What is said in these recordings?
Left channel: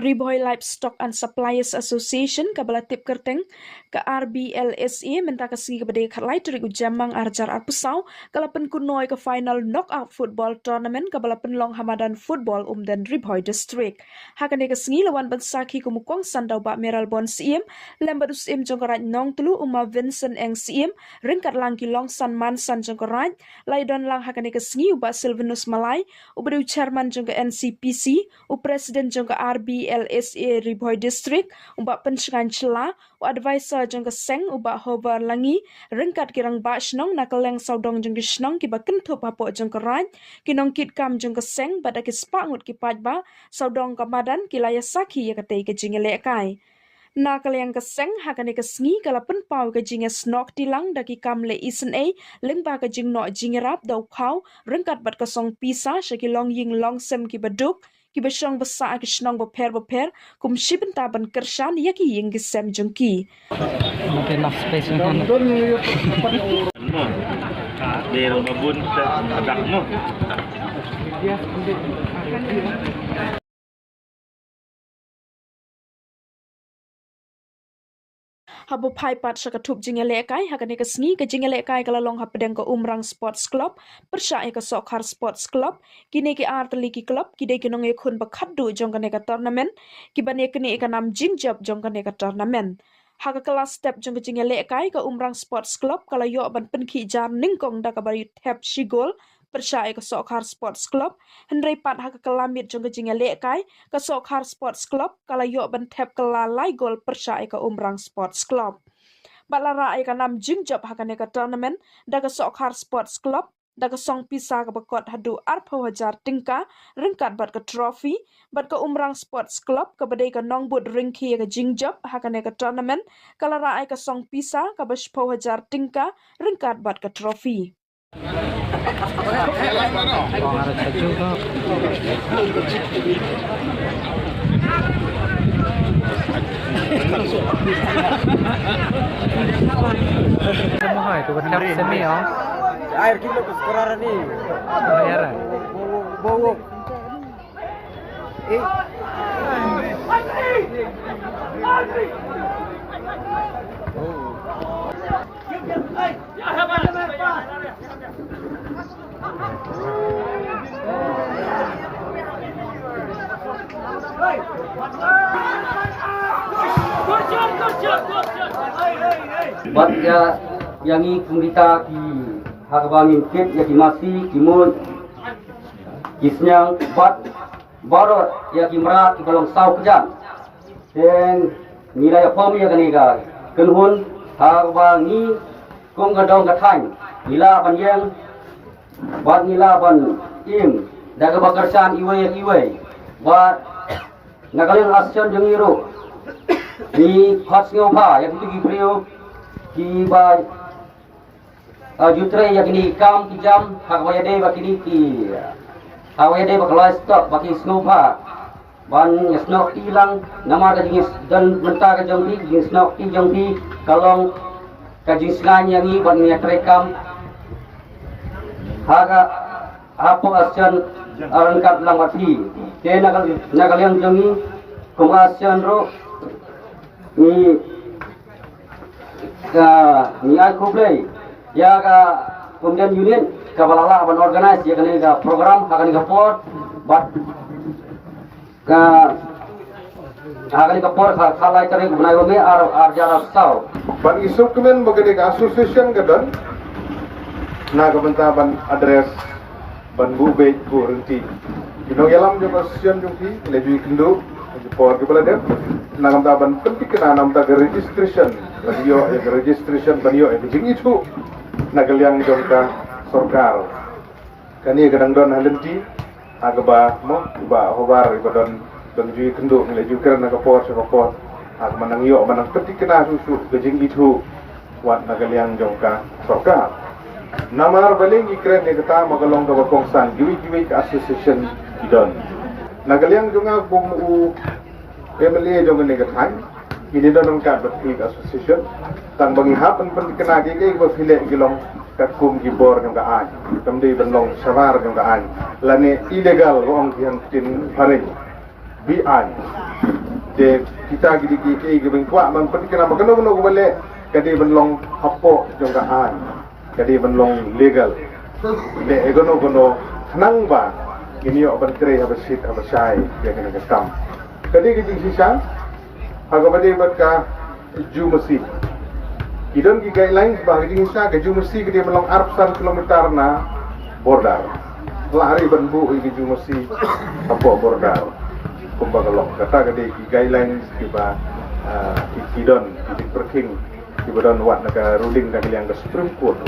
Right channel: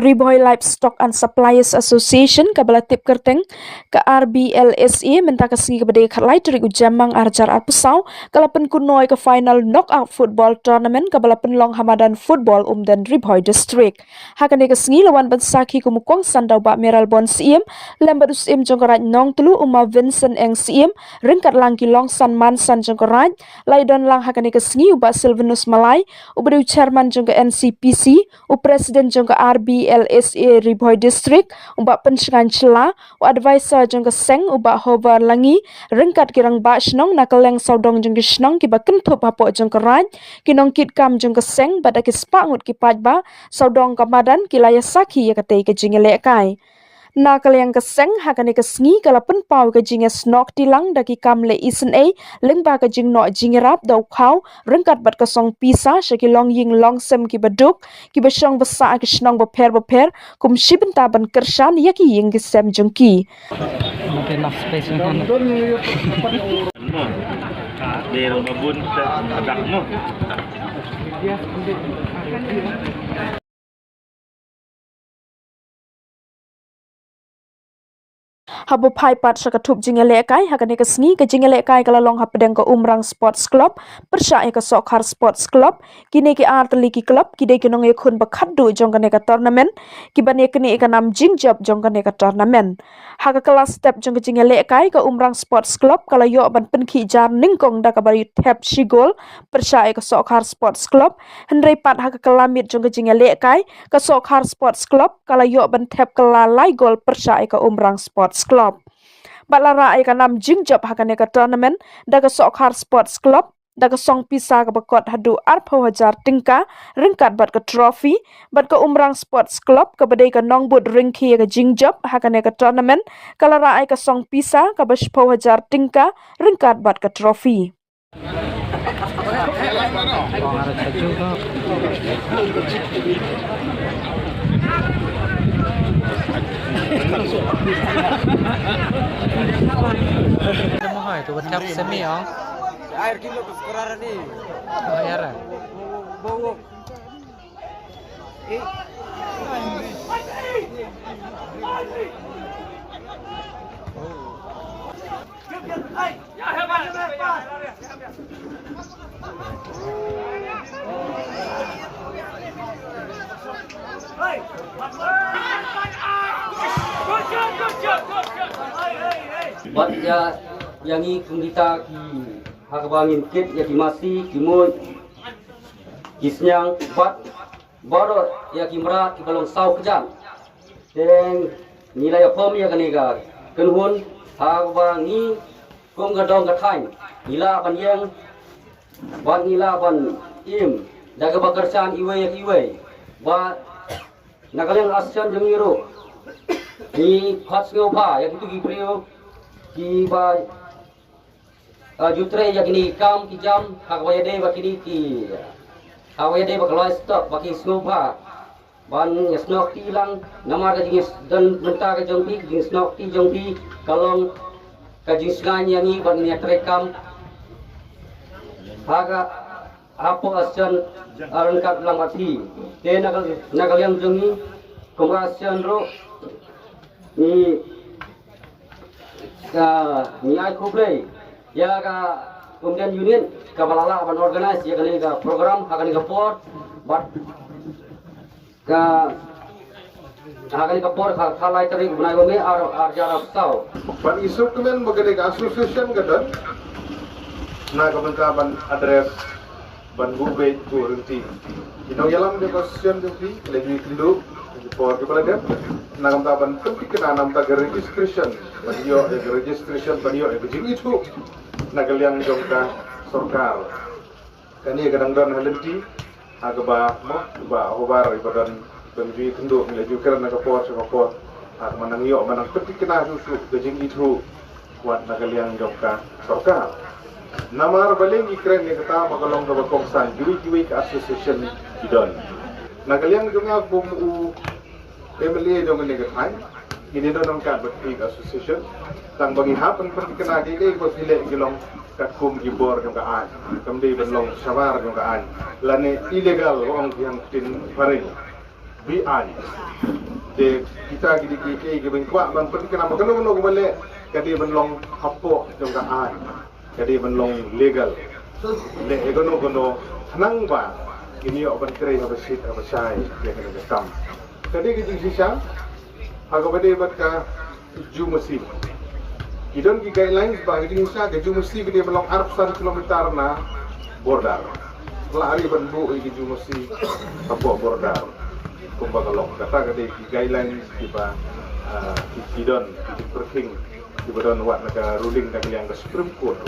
Riboy Livestock and Suppliers Association kabala tip kerteng ke RBLSE minta kasih kepada khalai terik ujamang arjar arpesau kalapan kunoi ke final knockout football tournament kabala penlong Hamadan Football dan Riboy District. Hakan kasih lawan bensaki kumukong sandau bak meral bon siem lembat usim jongkorat nong telu Vincent eng siem ringkat langki long san man san jongkorat laidon lang hakan kasih ubak Silvanus Malai ubari chairman jongka NCPC presiden jongka RBLSA Riboy District ubak pencengan cela advisor jongka seng ubak hover langi ringkat kirang bak snong nakaleng saudong jongka snong kiba kentup hapok jongka raj kinong kit kam jongka seng badak kispangut kipat ba saudong kamadan kilaya saki ya katei ke jingele kai nakal yang keseng hakan kesngi kala penpau ke jinge snok tilang daki kamle isen leng ba ke jing no jingerap dau khau ringkat bat kosong pisa shaki long ying long sem ki baduk ki besong besa ki snong beper kum shibenta ban kershan yaki ying ki sem jengki mungkin enough space kan Del babun adakmu habo pai pat sakatup jingele kai hakane kesni ke jingele kai kala long hapedeng ke Umrang Sports Club persya ke Sokhar Sports Club kini ke Arteliki Club kide kinong e khun bakhaddu jongkane ka tournament kibane kini ikanam jingjab jongkane ka tournament haka kelas step jongke jingele kai ke Umrang Sports Club kala yo ban penki jar ningkong da kabari tap shigol persya ke Sokhar Sports Club hendrai pat haka kelamit jongke jingele kai ke Sokhar Sports Club kala yo ban tap kala lai gol persya ke Umrang Sports Club Balara ay kanam jingjab hakane ka tournament daga Sokhar Sports Club daga song pisa ka bakot hadu arpo hajar tingka ringkat bat ka trophy bat ka Umrang Sports Club ka badai ka nongbut ringki ka jingjab hakane ka tournament kalara ay ka song pisa ka baspo hajar tingka ringkat bat ka trophy mahal tu betul semi oh air kilo sekarang ni air bawa Bat ya yang ini kumita ki harbangin kit ya ki masi kimut kisnyang bat barot ya ki merat ki balong sau kejan dan nilai pom ya kaniga kenhun harbangi kong gadong gathang nila ban yang bat nila ban im daga bakarsan iwe bat nagaleng asyan jengiru ni khas ngopa ya gitu ki prio ki ba jutre ya kini kam ki jam hak waya de bakini ki hawaya de bakalai stop baki snopa ban snok tilang namar ka jingis dan menta ka jongpi jingis snok ti jongpi kalong ka jingis nganya ni ban ni trekam haga apo asyan arangkat lamati te nagal yang jongi kongasyan ro ni ni aku play ya ka kemudian unit ka balala ban organize ya kali ka program hakani ka port bat ka hakani ka port khalai tari bunai gome ar jara sau ban isuk kemen bagade ka association gadan na ka benta ban address ban bube ko renti ino yalam jo association jo ki leju kindo por di kala dem nagam ta ban kum kikna nam ta registration radio registration banyo e jing itu nagalyang jongka sorkar kani gadang don halimti agaba mo ba hobar ibadon don ju kendo leju ker na kapor ag manang yo manang kikna susu jing itu wat nagalyang jongka sorkar namar baleng ikren ne kata magalong do kongsan giwi ka association idon nagalyang jonga bum u emele jonga ne gathai ini dalam kad League Association tang bagi hap pen kena gi bos hile gilong kat kum gibor ng gaan kamdi benlong sawar ng gaan lane illegal wong yang tin paring bi an de kita gidi gi beng kwa man pen kena magano no bale kadi benlong hapo ng gaan kadi benlong legal le egono nang ba ini oban tre habasit habasai dia kena ketam kadi gi sisa agabade ka jumasi idon ki guidelines bagi Indonesia ke jumasi ke dia melong arpsan kilometer na border lari banbu ini jumasi apa border kumbagalok kata ke ki guidelines tiba idon di perking tiba don wat naga ruling ka yang ke Supreme Court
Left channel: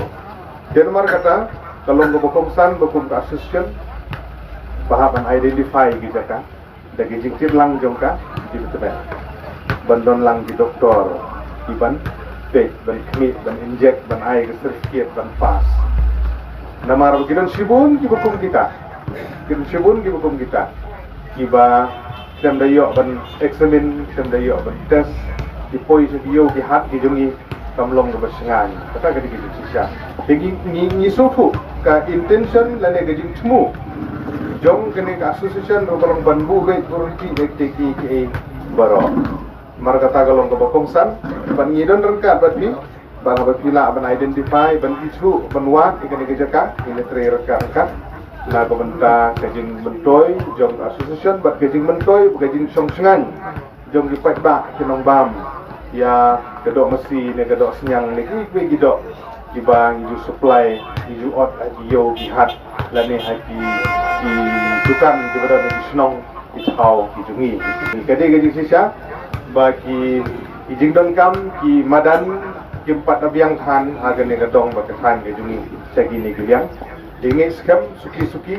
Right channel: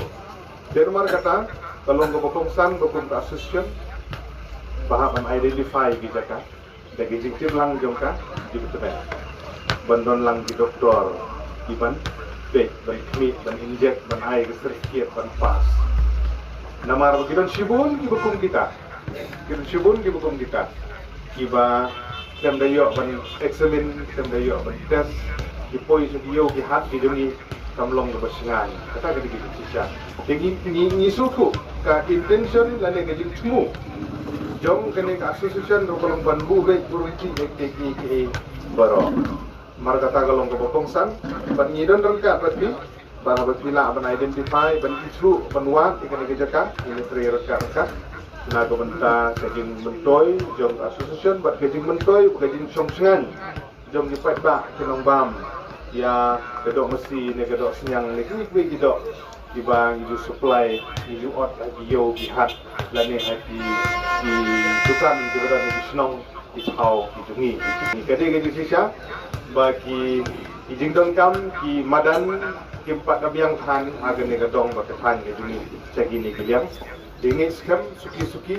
dan mar kata kalau ngobokongsan bokum ka assistant bahaban identify gitu kan dagi jingkir lang jongka di betul bandon lang di doktor iban bed ban kemit ban injek ban air sertifikat ban pas namar begitu sibun di hukum kita kiba dem dayo ban eksamen dem dayo ban tes di poi sedio di hat di jongi kamlong ke basengan kata ke gitu sisa tinggi ni suku ka intention lane ke jingmu jong kene association rokolong banbu ge authority ekteki ke baro marga tagalong ke bokongsan ban ngidon rengka batbi bang batbila ban identify ban isru ban wat ikan jaka ini tre rengka na ko benta kajin mentoy jong association bat kajin mentoy kajin songsengan jong di patba kinong bam ya gedok mesti ne gedok senyang ne kuwi gedok ibang idu supply idu ot adio bihat lane hati di dukan di berada di senong isau idungi kade gaji sisa bagi ijing dengkam ki madan ki empat abiang than harga ne gadong bak than ke juni segi ni kalian dingi skam suki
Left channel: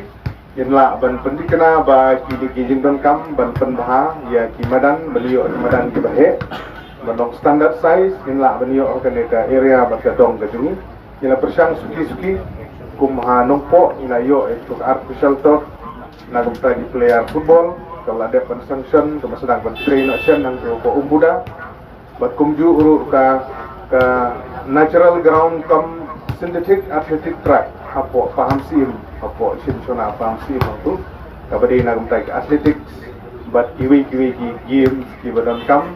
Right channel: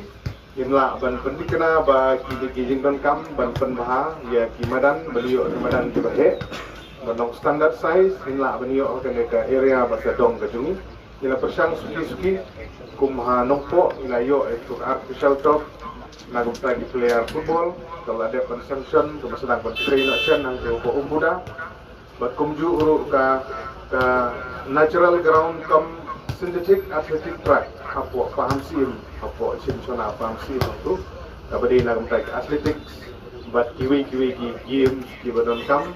yenla ban pendikena bagi di ijing dengkam ban penbaha ya ki madan beliau madan ki bahe bandong standard size yenla beliau harga ke area bak gadong ke juni yenla persang suki kumha nompo ina yo itu artificial turf na gumpa di player football kalau ada sanction kalau sedang train action nang ko umbuda bat kumju urut ka natural ground kam synthetic athletic track apo paham sim apo simsona paham sim itu kabadi na gumpa athletics bat kiwi game di badan kam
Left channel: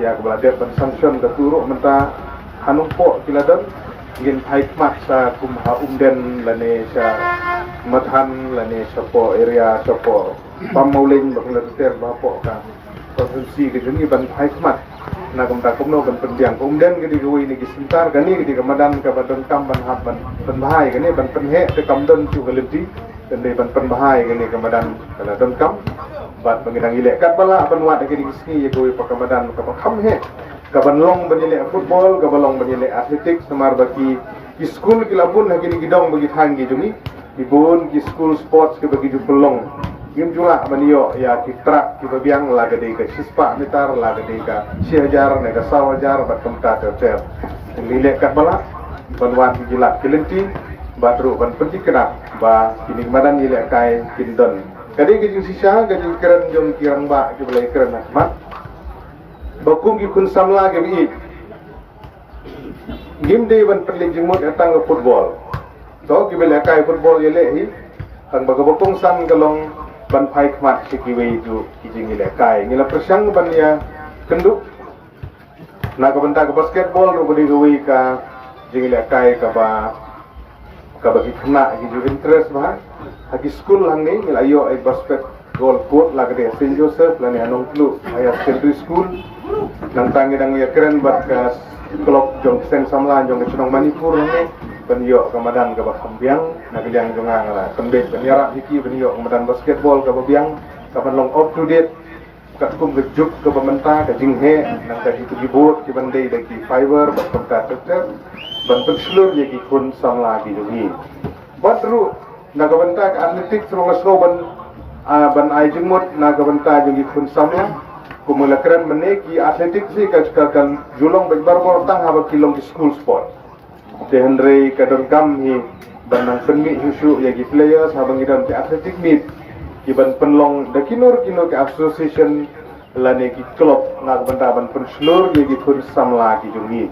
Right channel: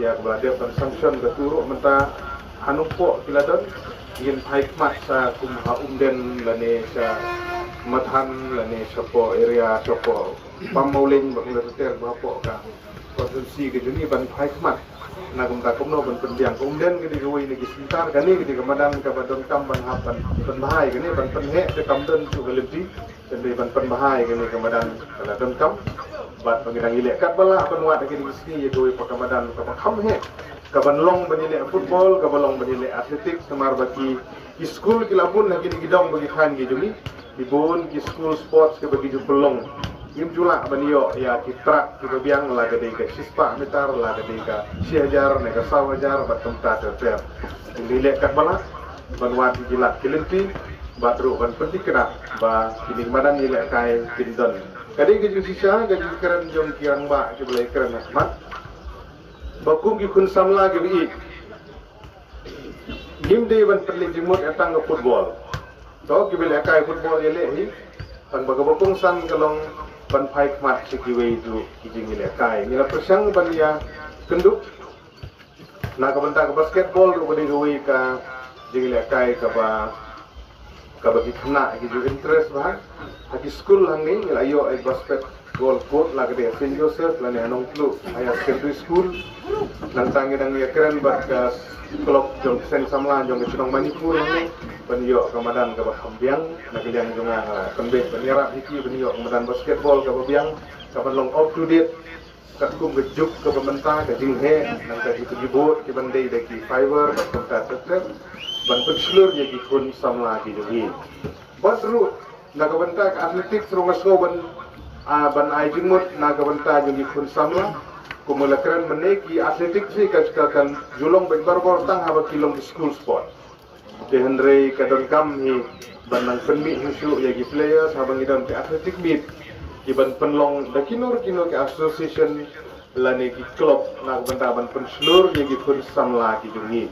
ya kalau ada sanction ke turu menta hanumpo kiladon yin high marks sa kumha umden lane sa mathan lane sopo area sopo pamauling bakulater bapo ka provinsi ke jeni ban high mark na kumta kumno ban pendiang umden ke di ruwi ni gisintar gani ke di kamadan ka badon kam ban haban penbahai gani ban penhe te kamdon chu galiti dan ban penbahai gani kamadan kala don kam bat pangidang ile kat bala ban wat ke di gisni ye gowi pakamadan ka pakam he kabanlong banile football kabalong banile athletics semar bagi school kilabun hagini gidong bagi khan gi juni ibun ki school sports ke bagi dipelong game jua banio ya ki track ki bagiang la gade ka sispa mitar la gade ka 6000 ne ka 1000 bat temta ter nile kat bala banwat gila kilenti batru ban penting kena ba kini madan nile kai kindon kadi gi sisa gadi keren jong kirang ba ki balai keren asmat bakum ki kun samla ke bi game day ban perli jimut atang ke football to ki bela kai football yele hi tang bagabokong sang galong ban phai khmat sikiwe ju ki jing ile kai ngila persang ban ya kenduk na ka banta ke basketball ro bodi goi ka jing ile kai ka bagi khna ki ju interest ba haki school hang ni ayo ai basket goal court lagde St Joseph lane anong club higher secondary school nang tangi dang ya keren bat ka klub jong sen samlan jong chunong Manipur ni penyo kamadan ka bakhambiang nagilang jong pembet penyarap hiki penyo kamadan basketball ka babiang kapan long up to date ka kum gejuk ke pementa ka jinghe nang ka itu dibot ki bandai bagi fiber bakta tetler ban penslur ye ki kun samla di dugi batru nagabanta ka athletics ro ngasgo ban ai jingmut nagabanta jing kun samla kumulakran meneki atletik si kan julong berbarbar tang haba kilong di school sport de Henry kadongkam hi banang penmi husu ya gi players habang idan ke atletik meet iban penlong de kinur ke association lane ki klop nak benda ban penslur ye ki pun samla ki jungi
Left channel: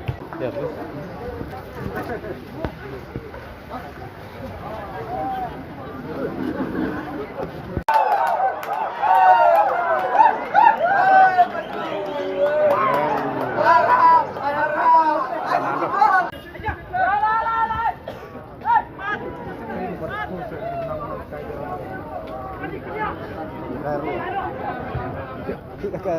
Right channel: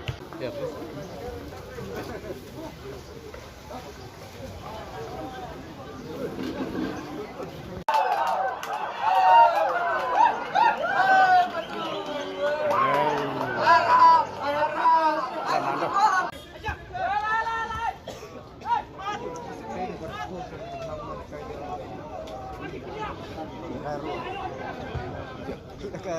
Kita